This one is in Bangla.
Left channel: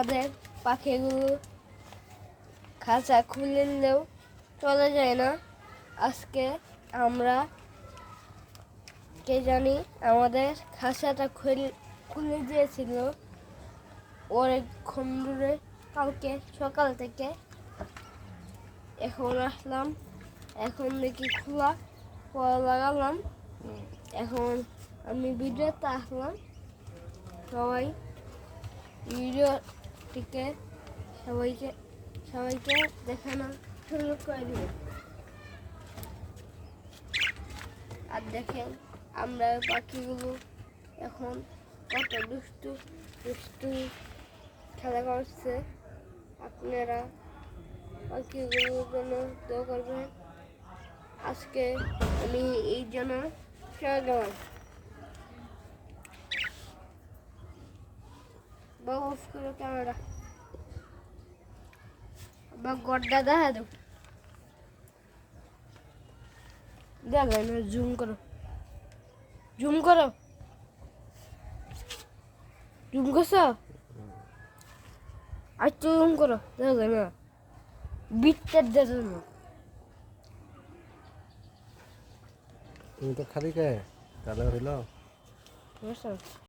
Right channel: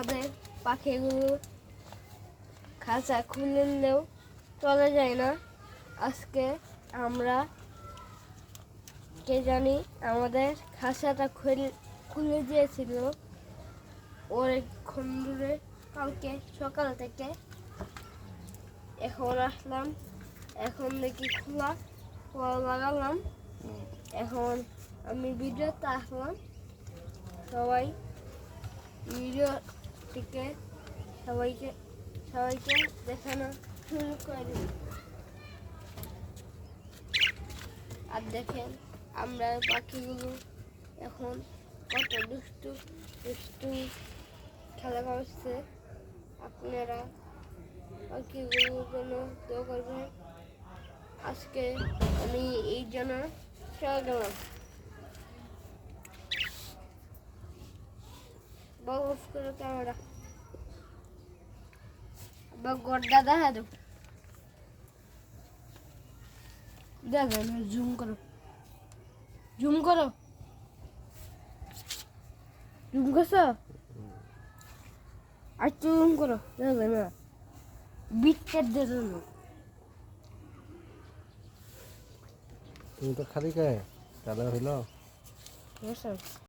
আমাদের পাখিগুলো খাঁচা খুলে নিলেও চলে যায় না। আজকে আমরা কে জানি আমাদের খাঁচাটা খুলে দিয়েছিল অনেকক্ষণ ধরে, কালকে সকাল থেকে। এখন আসলাম, এখন দেখি খোলা লাগালাম। এখন আমি ভিডিওতে আসলাম, সবাই ভিডিওটিকে সবাইকে দেখানো শুরু করে দিই। আর দেখেন আমরা পাখিগুলো এখন কত দুষ্টু খেলা করছে। আপনারা পাখিগুলোর জন্য দোয়া করবেন। আজকে আমি এই জন্য চলে গেলাম। বস করে ক্যামেরা বা গড্ডা দেখা দাও, দেখেন জুম করো, জুম করো, জুম করছো, আর জুম করো, দেখেন না বিটটার জন্য। তুমি তো খালি কে তাহলে হইল।